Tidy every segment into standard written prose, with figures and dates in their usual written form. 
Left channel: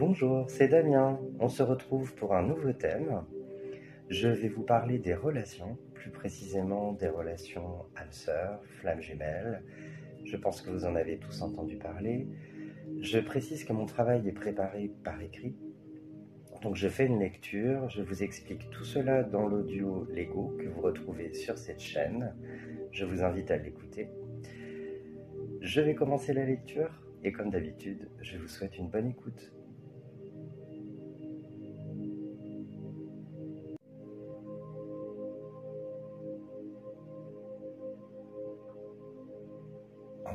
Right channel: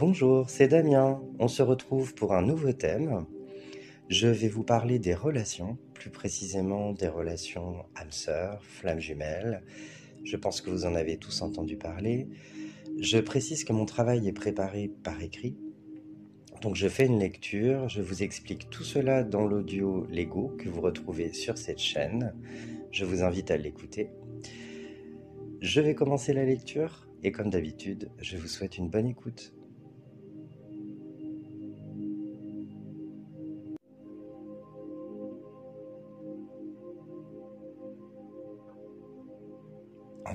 Bonjour, c'est Damien. On se retrouve pour un nouveau thème. Je vais vous parler des relations, plus précisément des relations âme-sœur, flammes jumelles. Je pense que vous en avez tous entendu parler. Je précise que mon travail est préparé par écrit. Donc je fais une lecture, je vous explique tout cela dans l'audio Lego que vous retrouvez sur cette chaîne. Je vous invite à l'écouter. Je vais commencer la lecture et comme d'habitude, je vous souhaite une bonne écoute.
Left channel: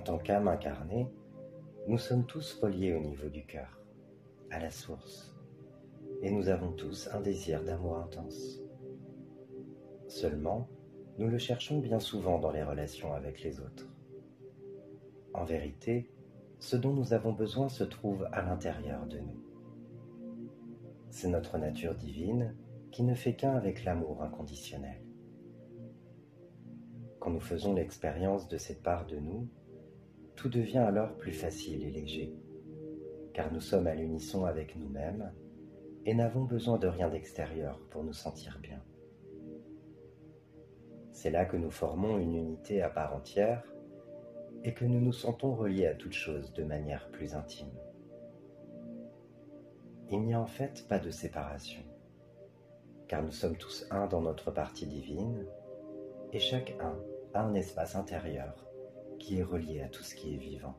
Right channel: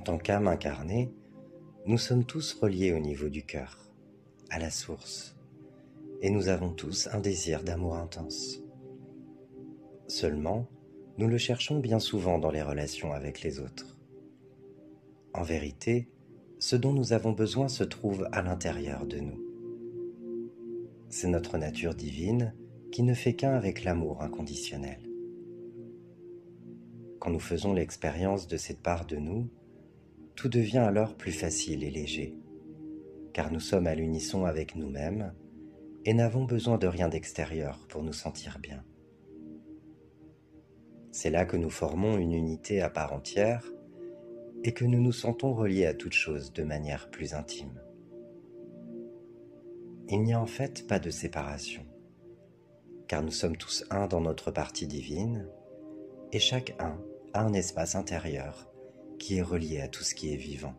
En tant qu'âme incarnée, nous sommes tous reliés au niveau du cœur, à la source, et nous avons tous un désir d'amour intense. Seulement, nous le cherchons bien souvent dans les relations avec les autres. En vérité, ce dont nous avons besoin se trouve à l'intérieur de nous. C'est notre nature divine qui ne fait qu'un avec l'amour inconditionnel. Quand nous faisons l'expérience de cette part de nous, tout devient alors plus facile et léger, car nous sommes à l'unisson avec nous-mêmes et n'avons besoin de rien d'extérieur pour nous sentir bien. C'est là que nous formons une unité à part entière et que nous nous sentons reliés à toute chose de manière plus intime. Il n'y a en fait pas de séparation, car nous sommes tous un dans notre partie divine et chaque un a un espace intérieur qui est relié à tout ce qui est vivant.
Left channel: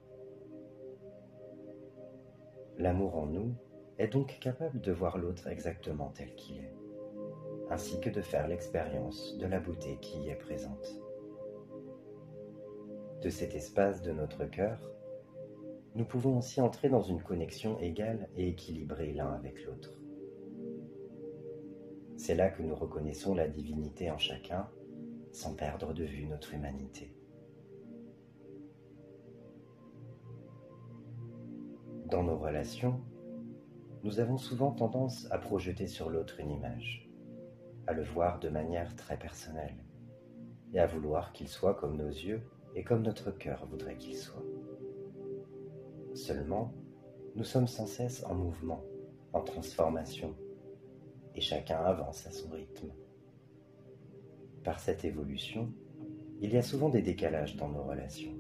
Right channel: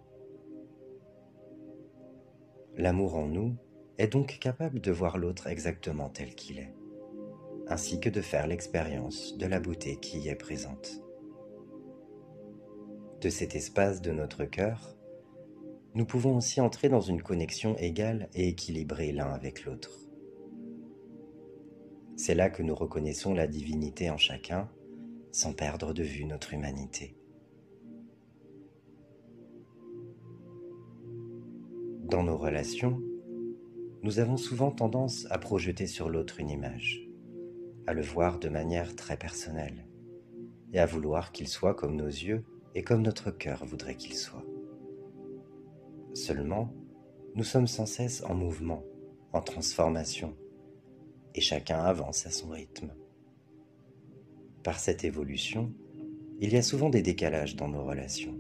L'amour en nous est donc capable de voir l'autre exactement tel qu'il est, ainsi que de faire l'expérience de la beauté qui y est présente. De cet espace de notre cœur, nous pouvons aussi entrer dans une connexion égale et équilibrée l'un avec l'autre. C'est là que nous reconnaissons la divinité en chacun, sans perdre de vue notre humanité. Dans nos relations, nous avons souvent tendance à projeter sur l'autre une image, à le voir de manière très personnelle, et à vouloir qu'il soit comme nos yeux et comme notre cœur voudrait qu'il soit. Seulement, nous sommes sans cesse en mouvement, en transformation, et chacun avance à son rythme. Par cette évolution, il y a souvent des décalages dans nos relations,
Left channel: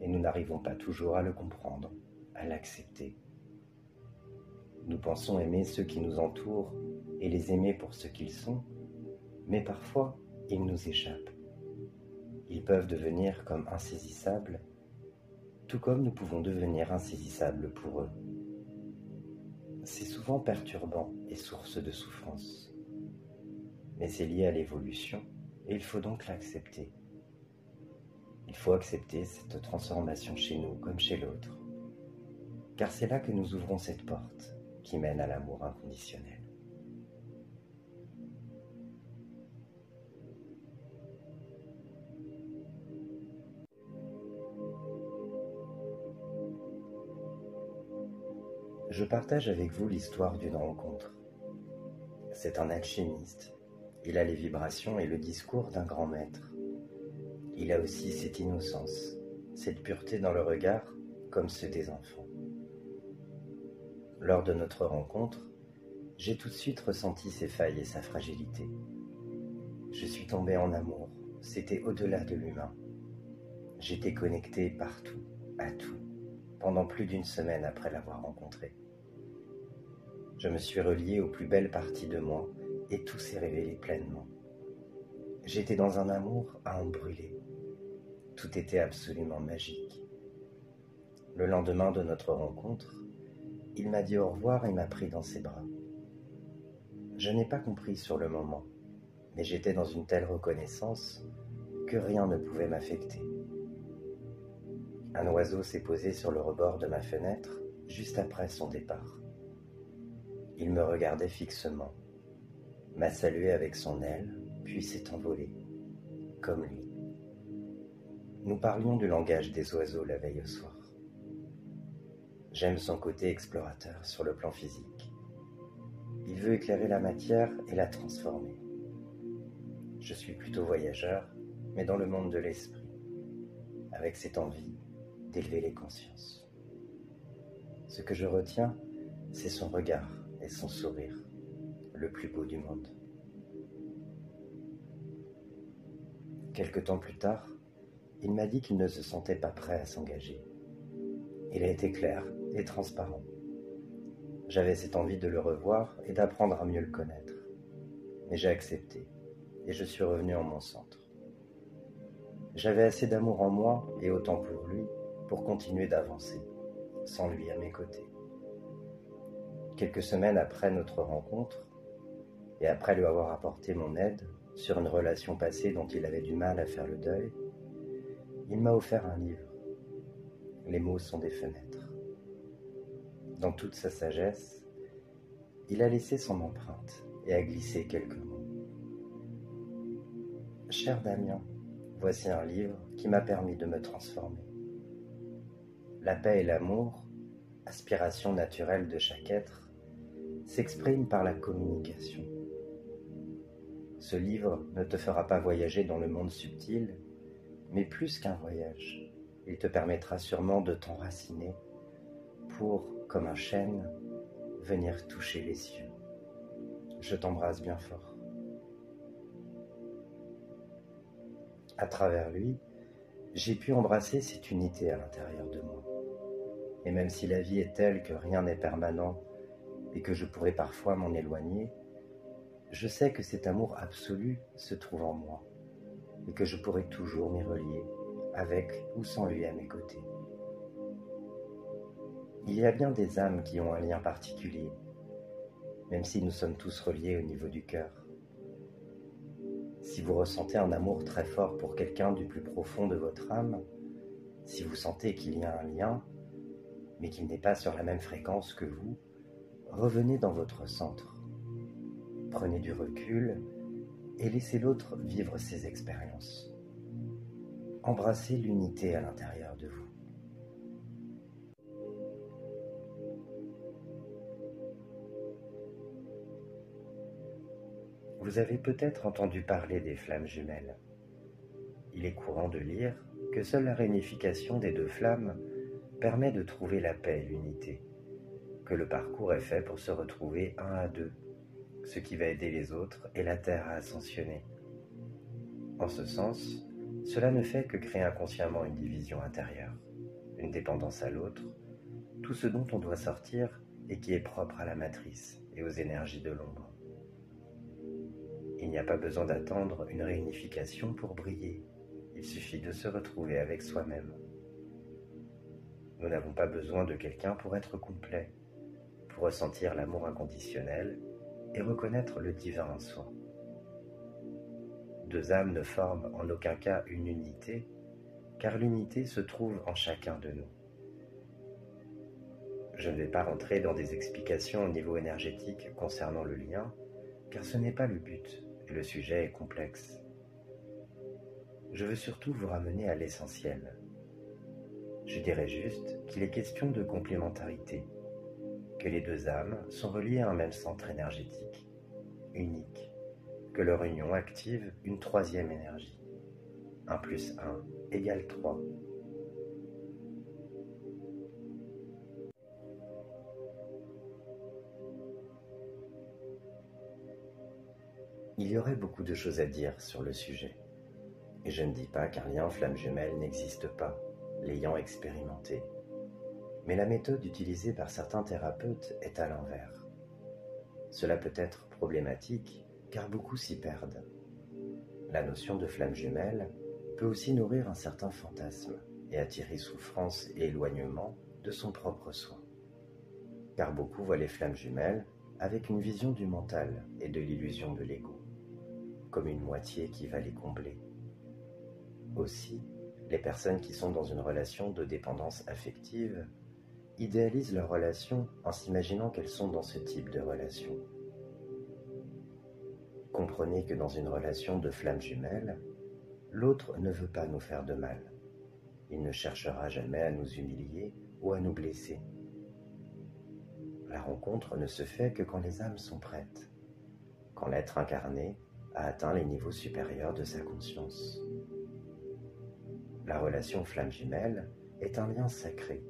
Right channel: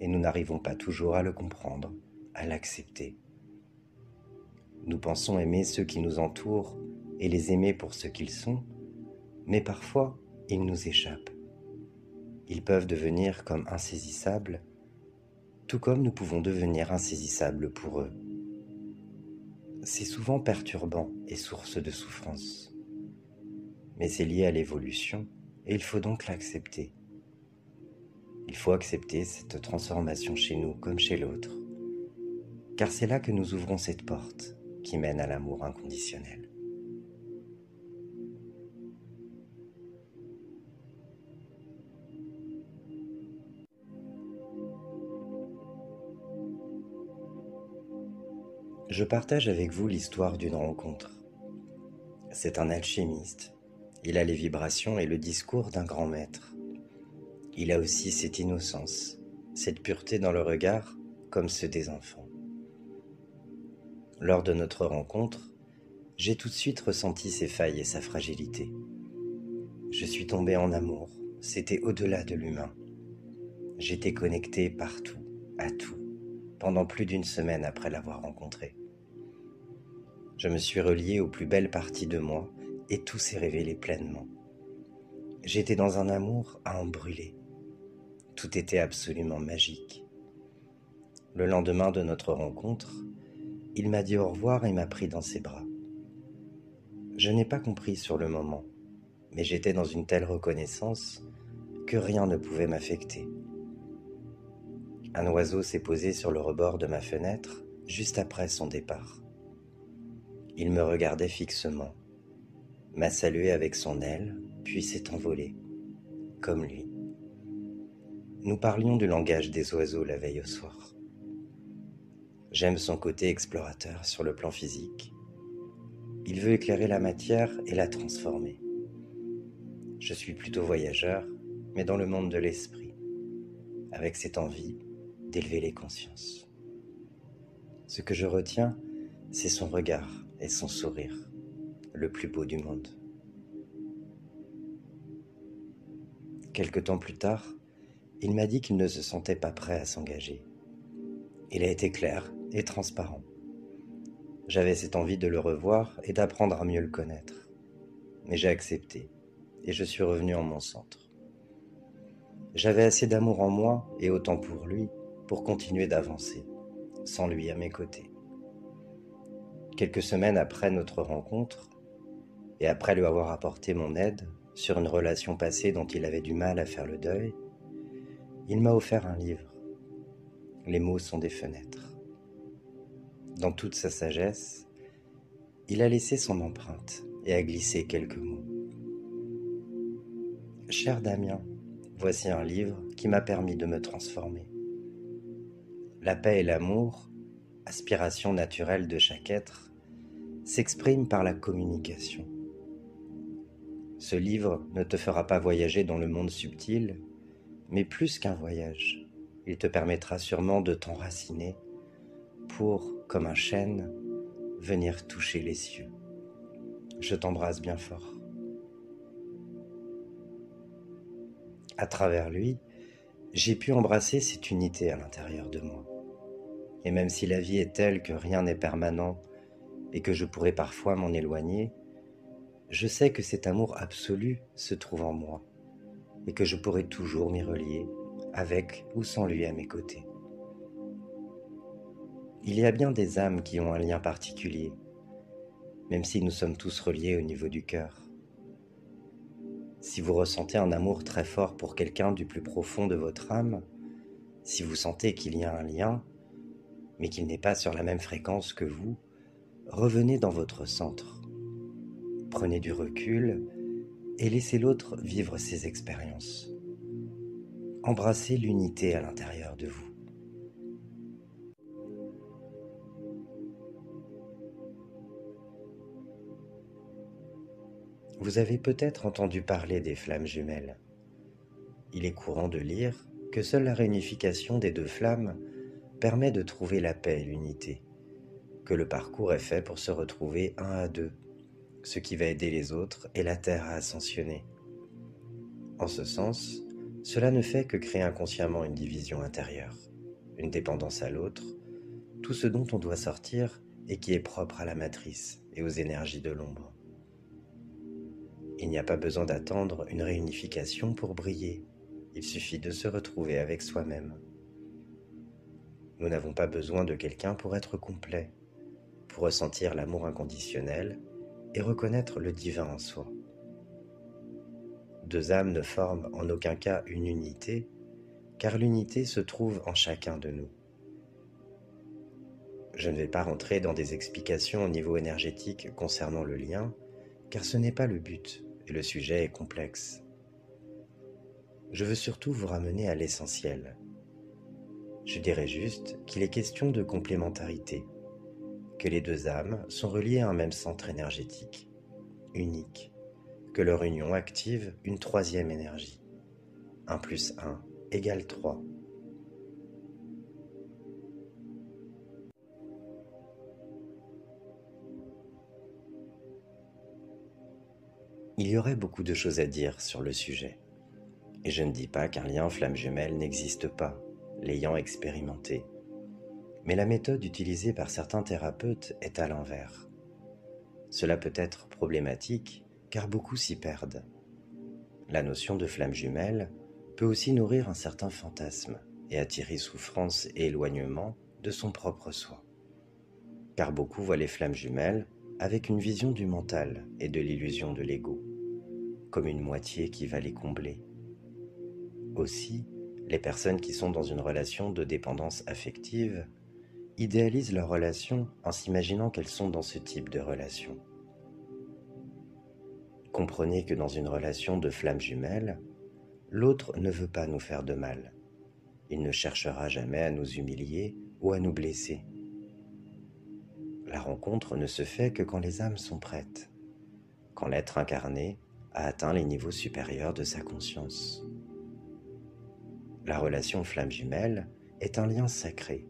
et nous n'arrivons pas toujours à le comprendre, à l'accepter. Nous pensons aimer ceux qui nous entourent et les aimer pour ce qu'ils sont, mais parfois, ils nous échappent. Ils peuvent devenir comme insaisissables, tout comme nous pouvons devenir insaisissables pour eux. C'est souvent perturbant et source de souffrance. Mais c'est lié à l'évolution et il faut donc l'accepter. Il faut accepter cette transformation chez nous comme chez l'autre, car c'est là que nous ouvrons cette porte qui mène à l'amour inconditionnel. Je partage avec vous l'histoire d'une rencontre. C'est un alchimiste. Il a les vibrations et le discours d'un grand maître. Il a aussi cette innocence, cette pureté dans le regard, comme ceux des enfants. Lors de notre rencontre, j'ai tout de suite ressenti ses failles et sa fragilité. Je suis tombé en amour, c'était au-delà de l'humain. J'étais connecté partout, à tout, pendant plus d'une semaine après l'avoir rencontré. Je me suis relié aux plus belles parties de moi et tout s'est révélé pleinement. J'étais dans un amour à en brûler. Tout était absolument magique. Le lendemain de notre rencontre, il m'a dit au revoir et m'a pris dans ses bras. Je n'ai pas compris sur le moment, mais j'étais dans une telle reconnaissance que rien ne pouvait m'affecter. Un oiseau s'est posé sur le rebord de ma fenêtre juste après son départ. Il me regardait fixement, m'a salué avec son aile, puis s'est envolé, comme lui. Nous parlions du langage des oiseaux la veille au soir. J'aime son côté explorateur sur le plan physique. Il veut éclairer la matière et la transformer. Je suis plutôt voyageur, mais dans le monde de l'esprit, avec cette envie d'élever les consciences. Ce que je retiens, c'est son regard et son sourire, le plus beau du monde. Quelque temps plus tard, il m'a dit qu'il ne se sentait pas prêt à s'engager. Il a été clair et transparent. J'avais cette envie de le revoir et d'apprendre à mieux le connaître. Mais j'ai accepté et je suis revenu en mon centre. J'avais assez d'amour en moi et autant pour lui pour continuer d'avancer, sans lui à mes côtés. Quelques semaines après notre rencontre, et après lui avoir apporté mon aide sur une relation passée dont il avait du mal à faire le deuil, il m'a offert un livre. Les mots sont des fenêtres. Dans toute sa sagesse, il a laissé son empreinte et a glissé quelques mots. Cher Damien, voici un livre qui m'a permis de me transformer. La paix et l'amour, aspiration naturelle de chaque être, s'expriment par la communication. Ce livre ne te fera pas voyager dans le monde subtil, mais plus qu'un voyage, il te permettra sûrement de t'enraciner pour, comme un chêne, venir toucher les cieux. Je t'embrasse bien fort. À travers lui, j'ai pu embrasser cette unité à l'intérieur de moi. Et même si la vie est telle que rien n'est permanent et que je pourrais parfois m'en éloigner, je sais que cet amour absolu se trouve en moi et que je pourrai toujours m'y relier, avec ou sans lui à mes côtés. Il y a bien des âmes qui ont un lien particulier, même si nous sommes tous reliés au niveau du cœur. Si vous ressentez un amour très fort pour quelqu'un du plus profond de votre âme, si vous sentez qu'il y a un lien, mais qu'il n'est pas sur la même fréquence que vous, revenez dans votre centre. Prenez du recul et laissez l'autre vivre ses expériences. Embrassez l'unité à l'intérieur de vous. Vous avez peut-être entendu parler des flammes jumelles. Il est courant de lire que seule la réunification des deux flammes permet de trouver la paix et l'unité, que le parcours est fait pour se retrouver un à deux, ce qui va aider les autres et la Terre à ascensionner. En ce sens, cela ne fait que créer inconsciemment une division intérieure, une dépendance à l'autre, tout ce dont on doit sortir et qui est propre à la matrice et aux énergies de l'ombre. Il n'y a pas besoin d'attendre une réunification pour briller, il suffit de se retrouver avec soi-même. Nous n'avons pas besoin de quelqu'un pour être complet, pour ressentir l'amour inconditionnel et reconnaître le divin en soi. Deux âmes ne forment en aucun cas une unité, car l'unité se trouve en chacun de nous. Je ne vais pas rentrer dans des explications au niveau énergétique concernant le lien, car ce n'est pas le but et le sujet est complexe. Je veux surtout vous ramener à l'essentiel. Je dirais juste qu'il est question de complémentarité, que les deux âmes sont reliées à un même centre énergétique, unique, que leur union active une troisième énergie. 1 plus 1 égale 3. Il y aurait beaucoup de choses à dire sur le sujet. Et je ne dis pas qu'un lien flamme jumelle n'existe pas, l'ayant expérimenté. Mais la méthode utilisée par certains thérapeutes est à l'envers. Cela peut être problématique car beaucoup s'y perdent. La notion de flamme jumelle peut aussi nourrir un certain fantasme et attirer souffrance et éloignement de son propre soi. Car beaucoup voient les flammes jumelles avec une vision du mental et de l'illusion de l'ego, comme une moitié qui va les combler. Aussi, les personnes qui sont dans une relation de dépendance affective idéalisent leur relation en s'imaginant qu'elles sont dans ce type de relation. Comprenez que dans une relation de flamme jumelle, l'autre ne veut pas nous faire de mal. Il ne cherchera jamais à nous humilier ou à nous blesser. La rencontre ne se fait que quand les âmes sont prêtes, quand l'être incarné a atteint les niveaux supérieurs de sa conscience. La relation flamme jumelle est un lien sacré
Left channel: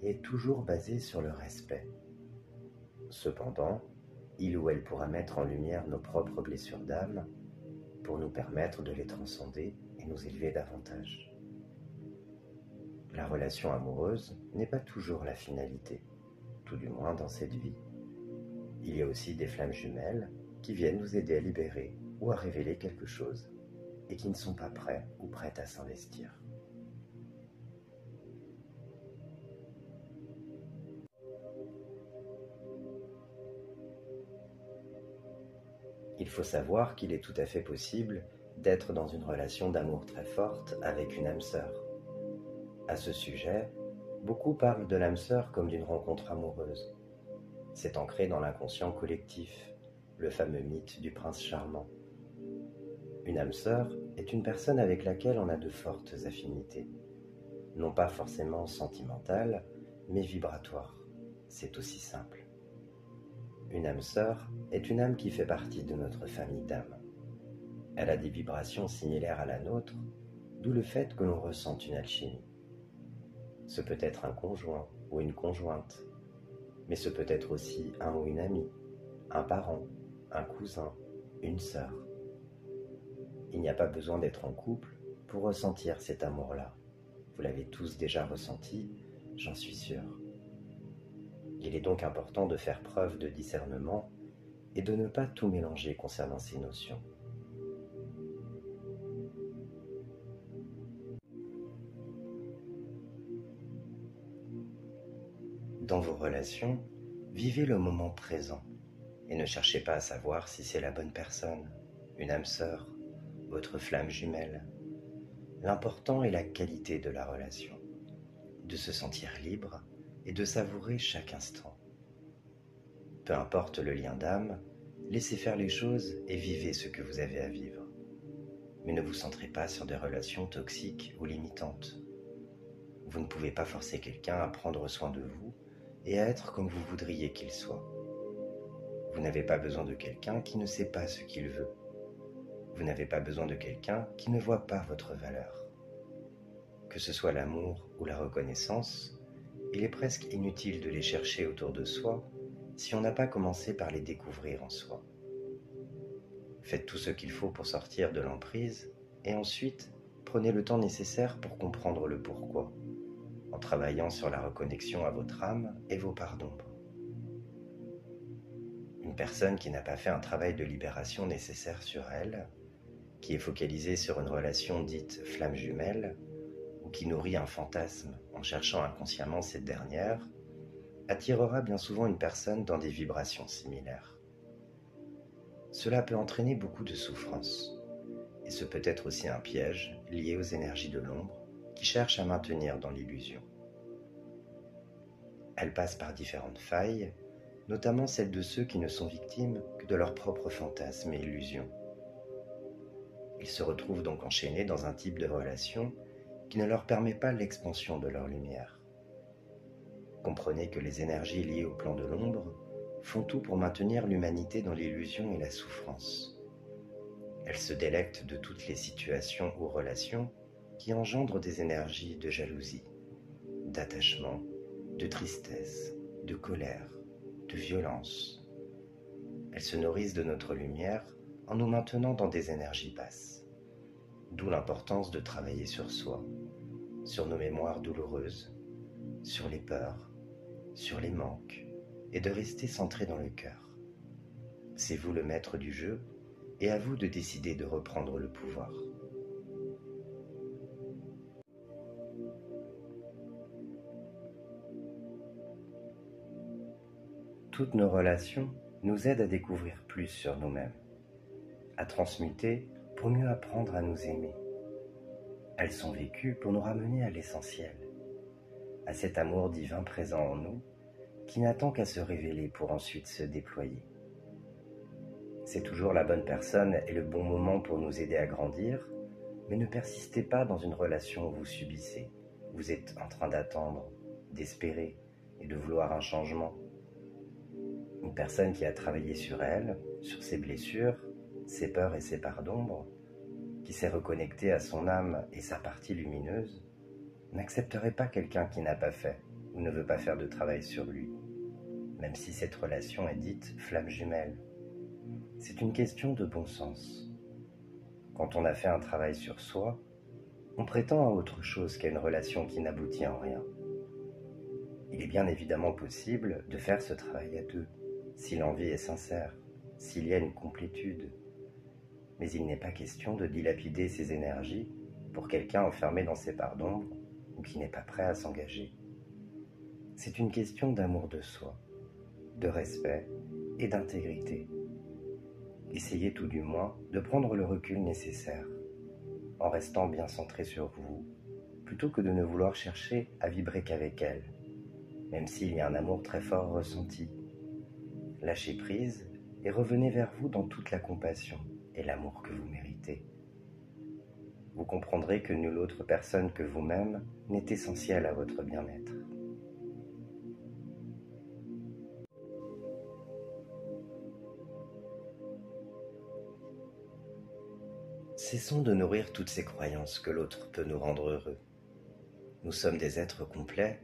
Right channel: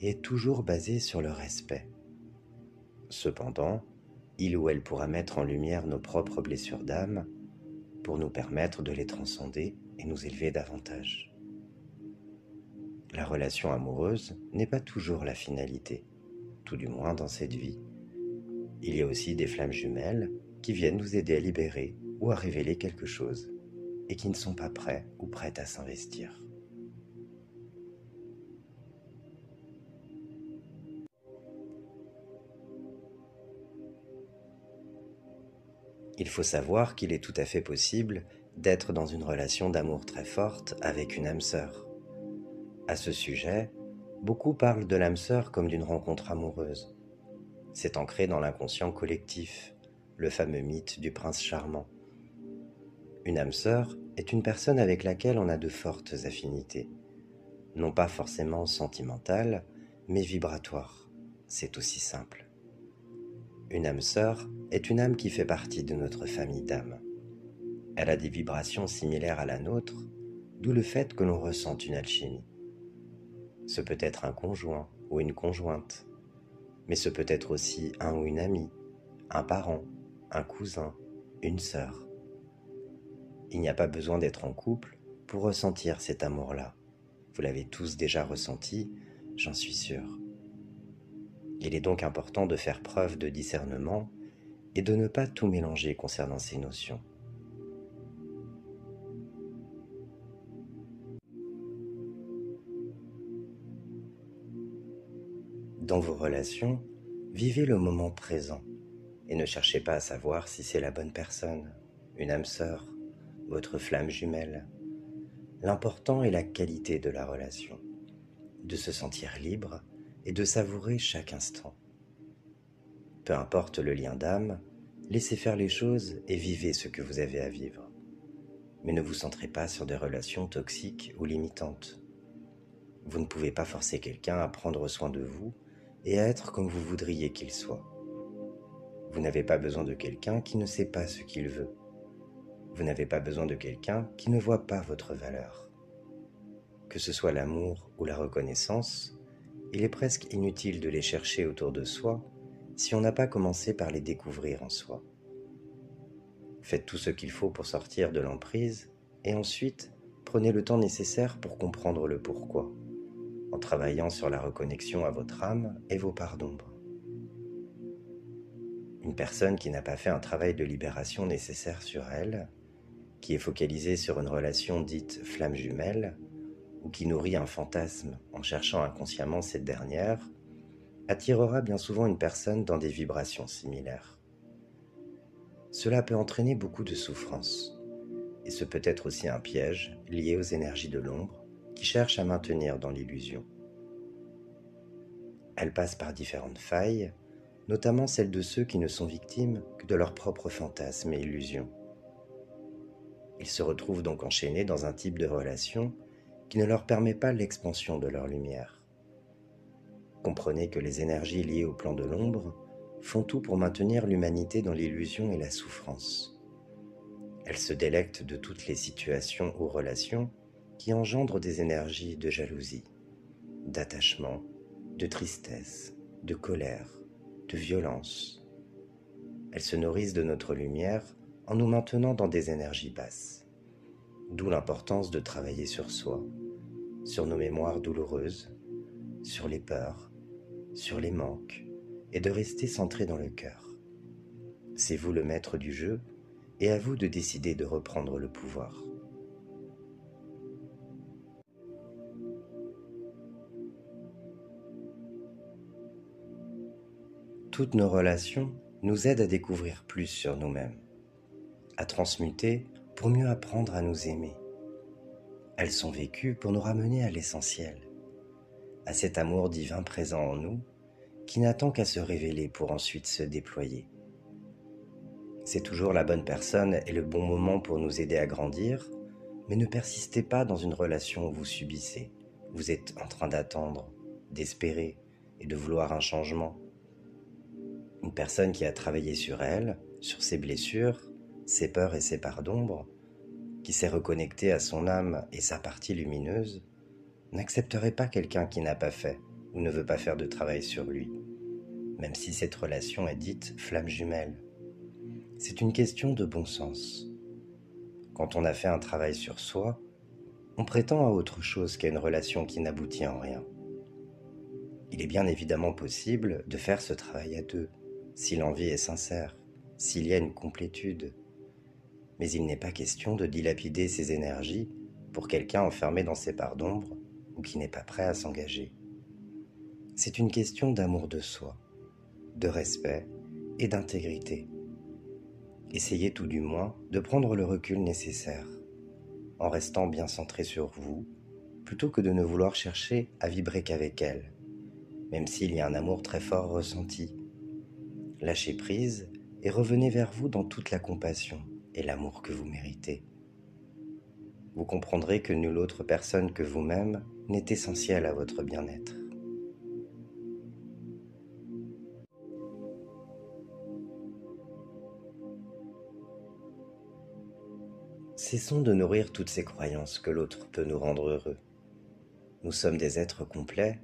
et est toujours basée sur le respect. Cependant, il ou elle pourra mettre en lumière nos propres blessures d'âme pour nous permettre de les transcender et nous élever davantage. La relation amoureuse n'est pas toujours la finalité, tout du moins dans cette vie. Il y a aussi des flammes jumelles qui viennent nous aider à libérer ou à révéler quelque chose et qui ne sont pas prêts ou prêtes à s'investir. Il faut savoir qu'il est tout à fait possible d'être dans une relation d'amour très forte avec une âme sœur. À ce sujet, beaucoup parlent de l'âme sœur comme d'une rencontre amoureuse. C'est ancré dans l'inconscient collectif, le fameux mythe du prince charmant. Une âme sœur est une personne avec laquelle on a de fortes affinités, non pas forcément sentimentales, mais vibratoires. C'est aussi simple. Une âme sœur est une âme qui fait partie de notre famille d'âmes. Elle a des vibrations similaires à la nôtre, d'où le fait que l'on ressente une alchimie. Ce peut être un conjoint ou une conjointe, mais ce peut être aussi un ou une amie, un parent, un cousin, une sœur. Il n'y a pas besoin d'être en couple pour ressentir cet amour-là. Vous l'avez tous déjà ressenti, j'en suis sûr. Il est donc important de faire preuve de discernement et de ne pas tout mélanger concernant ces notions. Dans vos relations, vivez le moment présent et ne cherchez pas à savoir si c'est la bonne personne, une âme sœur, votre flamme jumelle. L'important est la qualité de la relation, de se sentir libre et de savourer chaque instant. Peu importe le lien d'âme, laissez faire les choses et vivez ce que vous avez à vivre. Mais ne vous centrez pas sur des relations toxiques ou limitantes. Vous ne pouvez pas forcer quelqu'un à prendre soin de vous et à être comme vous voudriez qu'il soit. Vous n'avez pas besoin de quelqu'un qui ne sait pas ce qu'il veut. Vous n'avez pas besoin de quelqu'un qui ne voit pas votre valeur. Que ce soit l'amour ou la reconnaissance, il est presque inutile de les chercher autour de soi si on n'a pas commencé par les découvrir en soi. Faites tout ce qu'il faut pour sortir de l'emprise et ensuite prenez le temps nécessaire pour comprendre le pourquoi, en travaillant sur la reconnexion à votre âme et vos parts d'ombre. Une personne qui n'a pas fait un travail de libération nécessaire sur elle, qui est focalisée sur une relation dite flamme jumelle, ou qui nourrit un fantasme en cherchant inconsciemment cette dernière, attirera bien souvent une personne dans des vibrations similaires. Cela peut entraîner beaucoup de souffrance, et ce peut être aussi un piège lié aux énergies de l'ombre qui cherchent à maintenir dans l'illusion. Elle passe par différentes failles, notamment celles de ceux qui ne sont victimes que de leurs propres fantasmes et illusions. Ils se retrouvent donc enchaînés dans un type de relation qui ne leur permet pas l'expansion de leur lumière. Comprenez que les énergies liées au plan de l'ombre font tout pour maintenir l'humanité dans l'illusion et la souffrance. Elles se délectent de toutes les situations ou relations qui engendrent des énergies de jalousie, d'attachement, de tristesse, de colère, de violence. Elles se nourrissent de notre lumière en nous maintenant dans des énergies basses. D'où l'importance de travailler sur soi, sur nos mémoires douloureuses, sur les peurs, sur les manques, et de rester centré dans le cœur. C'est vous le maître du jeu, et à vous de décider de reprendre le pouvoir. Toutes nos relations nous aident à découvrir plus sur nous-mêmes, à transmuter pour mieux apprendre à nous aimer. Elles sont vécues pour nous ramener à l'essentiel, à cet amour divin présent en nous qui n'attend qu'à se révéler pour ensuite se déployer. C'est toujours la bonne personne et le bon moment pour nous aider à grandir, mais ne persistez pas dans une relation où vous subissez. Vous êtes en train d'attendre, d'espérer et de vouloir un changement. Une personne qui a travaillé sur elle, sur ses blessures, ses peurs et ses parts d'ombre, qui s'est reconnectée à son âme et sa partie lumineuse, n'accepterait pas quelqu'un qui n'a pas fait ou ne veut pas faire de travail sur lui. même si cette relation est dite flamme jumelle. C'est une question de bon sens. Quand on a fait un travail sur soi, on prétend à autre chose qu'à une relation qui n'aboutit en rien. Il est bien évidemment possible de faire ce travail à deux, si l'envie est sincère, s'il y a une complétude. Mais il n'est pas question de dilapider ses énergies pour quelqu'un enfermé dans ses parts d'ombre ou qui n'est pas prêt à s'engager. C'est une question d'amour de soi, de respect et d'intégrité. Essayez tout du moins de prendre le recul nécessaire, en restant bien centré sur vous, plutôt que de ne vouloir chercher à vibrer qu'avec elle, même s'il y a un amour très fort ressenti. Lâchez prise et revenez vers vous dans toute la compassion et l'amour que vous méritez. Vous comprendrez que nulle autre personne que vous-même n'est essentielle à votre bien-être. Cessons de nourrir toutes ces croyances que l'autre peut nous rendre heureux. Nous sommes des êtres complets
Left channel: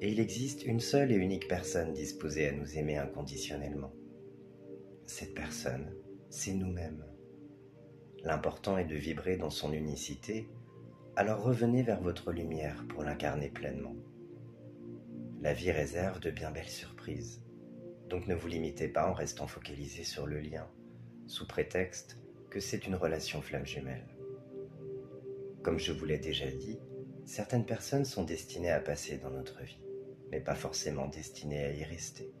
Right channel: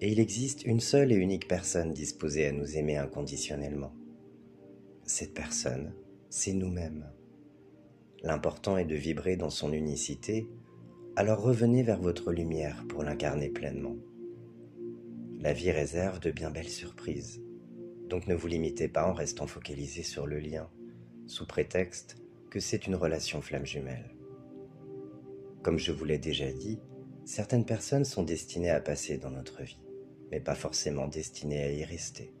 et il existe une seule et unique personne disposée à nous aimer inconditionnellement. Cette personne, c'est nous-mêmes. L'important est de vibrer dans son unicité, alors revenez vers votre lumière pour l'incarner pleinement. La vie réserve de bien belles surprises, donc ne vous limitez pas en restant focalisé sur le lien, sous prétexte que c'est une relation flamme jumelle. Comme je vous l'ai déjà dit, certaines personnes sont destinées à passer dans notre vie, mais pas forcément destinées à y rester.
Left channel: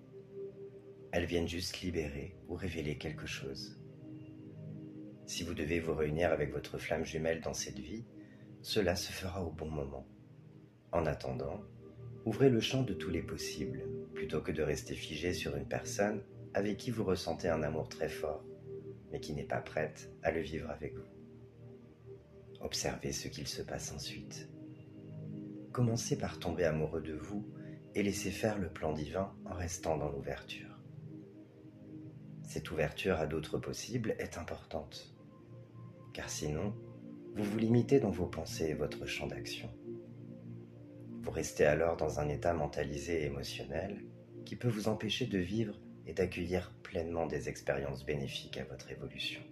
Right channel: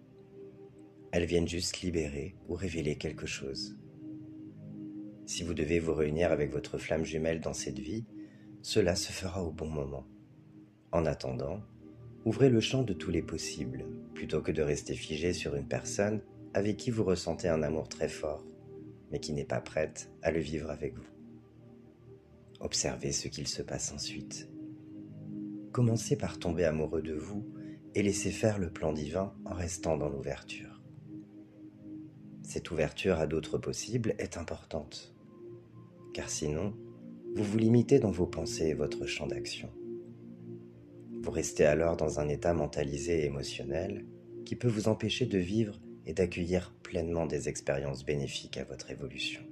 Elles viennent juste libérer ou révéler quelque chose. Si vous devez vous réunir avec votre flamme jumelle dans cette vie, cela se fera au bon moment. En attendant, ouvrez le champ de tous les possibles, plutôt que de rester figé sur une personne avec qui vous ressentez un amour très fort, mais qui n'est pas prête à le vivre avec vous. Observez ce qu'il se passe ensuite. Commencez par tomber amoureux de vous et laissez faire le plan divin en restant dans l'ouverture. Cette ouverture à d'autres possibles est importante, car sinon, vous vous limitez dans vos pensées et votre champ d'action. Vous restez alors dans un état mentalisé et émotionnel qui peut vous empêcher de vivre et d'accueillir pleinement des expériences bénéfiques à votre évolution.